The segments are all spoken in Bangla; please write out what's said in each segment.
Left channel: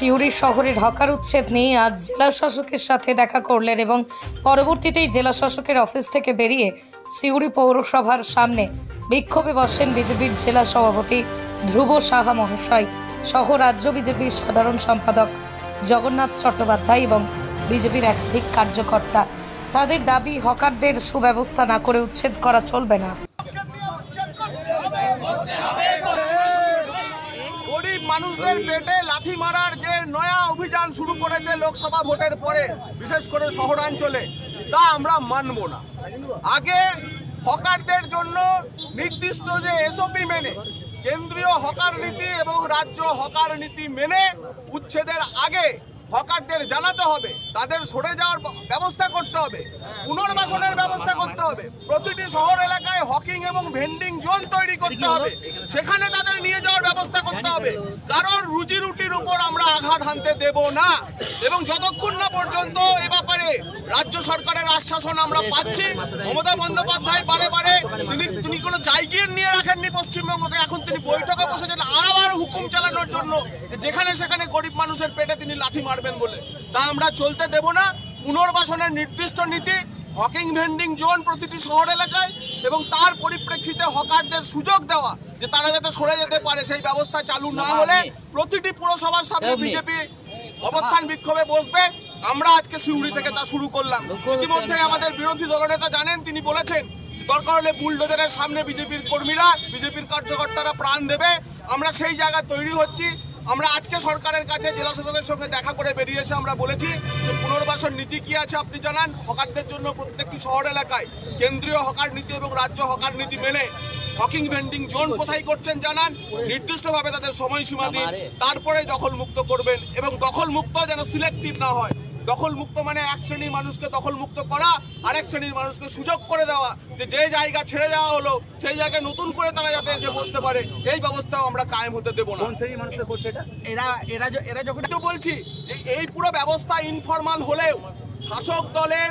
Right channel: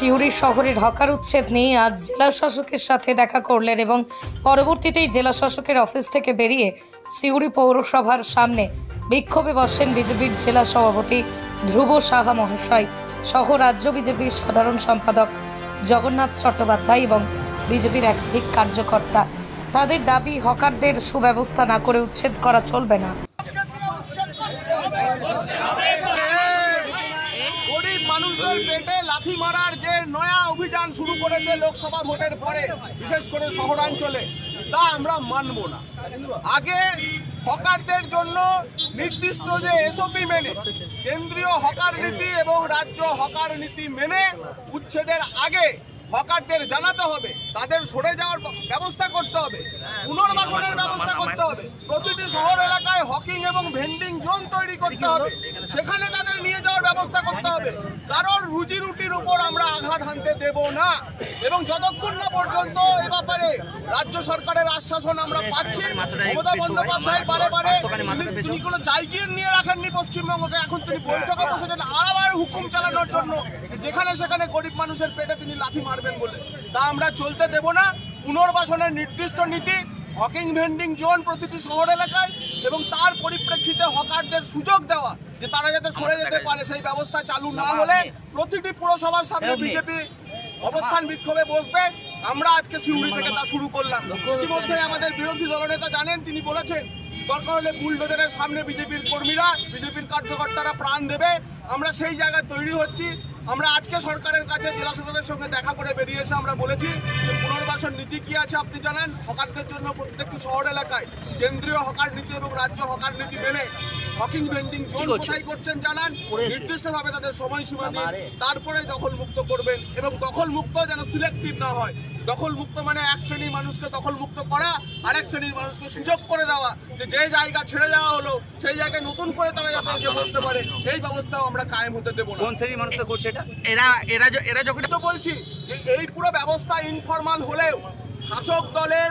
সিউড়ি শহরের হকার উচ্ছেদ নিয়ে আজ জেলা শাসকের সাথে দেখা করলেন এবং পরবর্তীতেই জেলা শাসকের অফিস থেকে বেরিয়ে সিউড়ি পৌরসভার সামনে বিক্ষোভে বসেন বিজেপির জেলা সভাপতি ধ্রুব সাহা মহাশয় সহ রাজ্য বিজেপির সাধারণ সম্পাদক জগন্নাথ চট্টোপাধ্যায় এবং বিজেপির একাধিক কার্যকর্তা। তাদের দাবি, হকারদের সুব্যবস্থা না করে উচ্ছেদ করা চলবে না। গরিব মানুষদের পেটে লাথি মারার যে নয়া অভিযান শুরু করেছে লোকসভা ভোটের পরে, বিশেষ করে শহরাঞ্চলে, তা আমরা মানব না। আগে হকারদের জন্য নির্দিষ্ট যে এসওপি মেনে, কেন্দ্রীয় হকার নীতি এবং রাজ্য হকার নীতি মেনে উচ্ছেদের আগে হকারদের জানাতে হবে, তাদের সরে যাওয়ার ব্যবস্থা করতে হবে, পুনর্বাসনের ব্যবস্থা করতে হবে, প্রতিটি শহর এলাকায় হকিং এবং ভেন্ডিং জোন তৈরি করতে হবে, সেখানে তাদের নিয়ে যাওয়ার ব্যবস্থা করতে হবে। কারণ রুজি রুটির উপর আমরা আঘাত হানতে দেব না। এবং যতক্ষণ না পর্যন্ত এ ব্যাপারে রাজ্য সরকারের আশ্বাসন আমরা পাচ্ছি, মমতা বন্দ্যোপাধ্যায় বারে বারে তিনি কোনো জায়গিয়ে নিয়ে রাখেননি পশ্চিমবঙ্গকে, এখন তিনি বৈঠকে বসেছেন আবার হুকুম চালানোর জন্য, যেখানে সেখানে গরিব মানুষের পেটে তিনি লাথি মারবেন বলে। তা আমরা চলতে দেব না। পুনর্বাসনের নির্দিষ্ট নীতি, হকিং ভেন্ডিং জোন প্রতিটি শহর এলাকায় এবং তার পরিপ্রেক্ষিতে হকারদের সুযোগ দেওয়া যে তারা যাতে সরে যেতে পারে, সেই ব্যবস্থা চালু না হলে প্রতিটি পুরসভার সামনে বিজেপি অবস্থান বিক্ষোভে বসবে। আমরা আজকে সিউড়ি থেকে তা শুরু করলাম। ইতিমধ্যে আমাদের বিরোধী দলনেতা জানেন, তিনি বলেছেন দরকার হলে বুলডোজারের সামনে বিজেপির কর্মীরা, বিজেপির কার্যকর্তারা প্রাণ দেবে। আমরা সেই জায়গা তৈরি হচ্ছি। আমরা আজকে সরকারের কাছে জেলা শাসকের সঙ্গে দেখা করে বেরিয়েছে, আমরা বলেছি যে পুনর্বাসন নীতি কি আছে আপনি জানান। হকারদের জন্য প্রত্যেকটি শহর এলাকায় কেন্দ্রীয় হকার নীতি এবং রাজ্য হকার নীতি মেনে হকিং ভেন্ডিং জোন কোথায় করছেন জানান, নির্দিষ্টভাবে তাদের সময়সীমা দিন, তারপরে দখল মুক্ত করবেন। এবং দখল মুক্ত যেন সিলেক্টিভ না হয়। দখল মুক্ত মানে এক শ্রেণীর মানুষকে দখল মুক্ত করা, আরেক শ্রেণীর মানুষকে সুযোগ করে দেওয়া, যে জায়গা ছেড়ে দেওয়া হলো সেই জায়গায় নতুন করে তারা যাতে এসে বসতে পারে, এই ব্যবস্থাও আমরা কায়েম হতে দেবো না। কোন শ্রেণীর মানুষকে করছে এটা? এরা যখন তো বলছি যে এই পুরো ব্যবস্থা ইনফরমাল হলেও শাসক দলের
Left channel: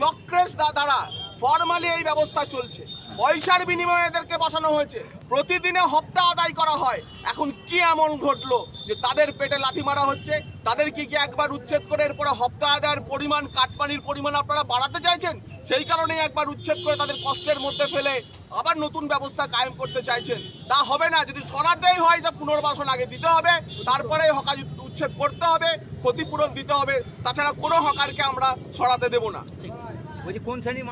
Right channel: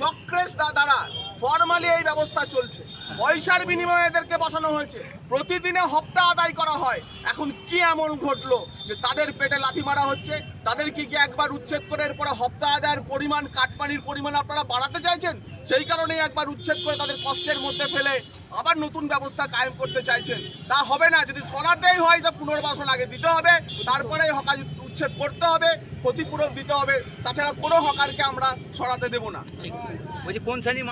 চক্রের দ্বারা ফরমালি এই ব্যবস্থা চলছে। পয়সার বিনিময়ে এদেরকে বসানো হয়েছে, প্রতিদিনে হপ্তা আদায় করা হয়। এখন কি এমন ঘটলো যে তাদের পেটে লাথি মারা হচ্ছে? তাদের কি একবার উচ্ছেদ করে এরপরে হপ্তা আদায়ের পরিমাণ, কাটপানির পরিমাণ আপনারা বাড়াতে চাইছেন? সেই কারণেই একবার উচ্ছেদ করে তাদের কষ্টের মধ্যে ফেলে আবার নতুন ব্যবস্থা কায়েম করতে চাইছেন। তা হবে না। যদি সরাতেই হয় তা পুনর্বাসন আগে দিতে হবে, তারপরে হকার উচ্ছেদ করতে হবে, ক্ষতিপূরণ দিতে হবে। তাছাড়া কোনো হকারকে আমরা সরাতে দেব না। বলছি কোন শ্রেণীর